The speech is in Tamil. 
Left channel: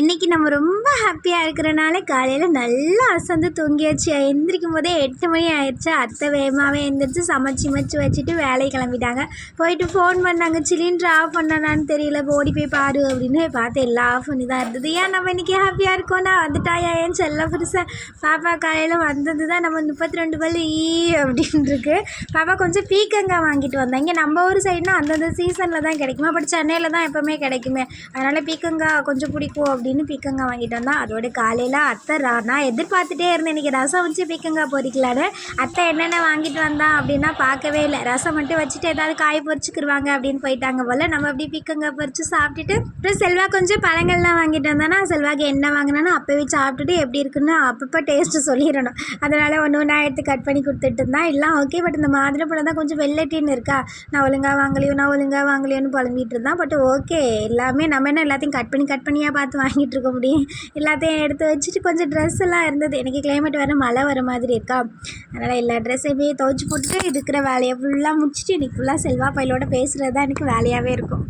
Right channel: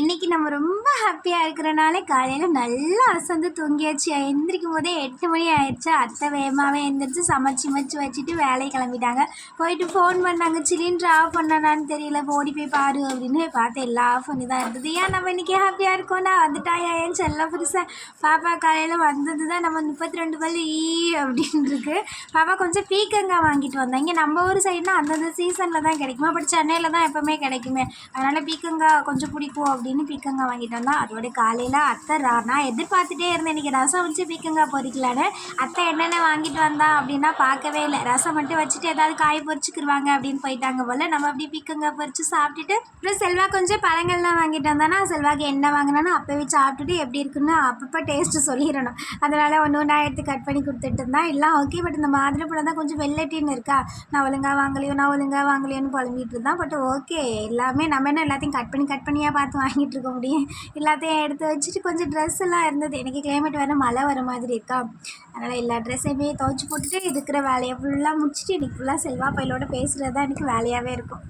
இன்றைக்கி நம்ம ரொம்ப ஹாப்பியாக இருக்கிறனால காலையில் நல்லா அசந்து தூங்கியாச்சு. எந்திரிக்கும் போதே 8 மணி ஆயிடுச்சு. அத்தை வேகமாகவே எந்திரிச்சு சமைச்சு மச்சு வச்சுட்டு வேலையை கிளம்பிட்டாங்க. போயிட்டு ஃபோன் பண்ணாங்க, சிலிண்டர் ஆஃப் பண்ணனான்னு தெரியல, ஓடி போய் பாரு அப்படின்னு பார்த்து எல்லாம் ஆஃப் பண்ணி தான் இருந்தது. ஏன் நம்ம இன்றைக்கி ஹாப்பியாக இருக்கோம்னா வந்துட்டாயா ஏன் செல்ல புதுசாக பாப்பா காலையில் வந்தது தான் நம்ம 32 பல் அப்படின்னு இருக்கு. பாப்பா கொஞ்சம் பீக்கங்காய் வாங்கிட்டு வந்தேன். இங்கே நம்ம ஊர் சைடுனா அந்தந்த சீசனில் தான் கிடைக்குமா, பட் சென்னையில் தான் எப்போவுமே கிடைக்குமே. அதனால் பீக்கங்காய் கொஞ்சம் பிடிக்கும் அப்படின்னு பீக்கங்காய் வாங்கிட்டு வந்தோம். அதோட காலையில் அத்தை நான் எதிர்பார்த்துட்டே இருந்தேன் இன்றைக்கி ரசம் வச்சு பீக்கங்காய் பொரிக்கலான்னு. அத்தை என்னென்ன வாங்கிட்டு வந்தான் அப்படின்னா பார்க்கவே இல்லை. ரசம் மட்டும் வச்சுட்டு ஏதாவது காய் பொரிச்சுக்கிடுவாங்க அப்படின்னு போயிட்டாங்க போல். நம்ம அப்படி பீக்கங்காய் பொரிச்சு சாப்பிட்டுட்டு அப்புறம் செல்வா கொஞ்சம் பழங்கள்லாம் வாங்கிட்டு வந்தானா, செல்வாக்கு என்ன வாங்கினானோ அப்போவே சாப்பிட்டுட்டு எப்படி இருக்குன்னு அப்பப்போ டேஸ்ட்டு சொல்லிடணும். அதனால் ஒன்று ஒன்றா எடுத்து கட் பண்ணி கொடுத்துட்டு இருந்தான். எல்லாம் ஓகே, பட் இந்த மாதுளப்பழம் தான் கொஞ்சம் வெள்ளட்டின்னு இருக்கா, நான் ஒழுங்காக வாங்கலையோன்னு புலம்பிகிட்டு இருந்தான். பட் ஓகே, எல்லாமே நம்ம என்ன எல்லாத்தையும் கட் பண்ணியாக பார்த்து வாங்கிட்டு இருக்க முடியும். எல்லாத்தையும் எடுத்து வச்சுட்டு கொஞ்சம் ட்ரெஸ் எல்லாம் இருந்தது. எனக்கு கிளைமேட் வேறு மழை வர மாதிரி இருக்கா, அதனால் எல்லா ட்ரெஸ்ஸையுமே துவைச்சி போட்டுட்டு இருக்கிற வேலையை ஃபுல்லாக முடிச்சுட்டு இன்றைக்கி ஃபுல்லாக செல்வா பையலோட பேசுகிறது தான் எனக்கு வேலையாகவே இருக்கும்.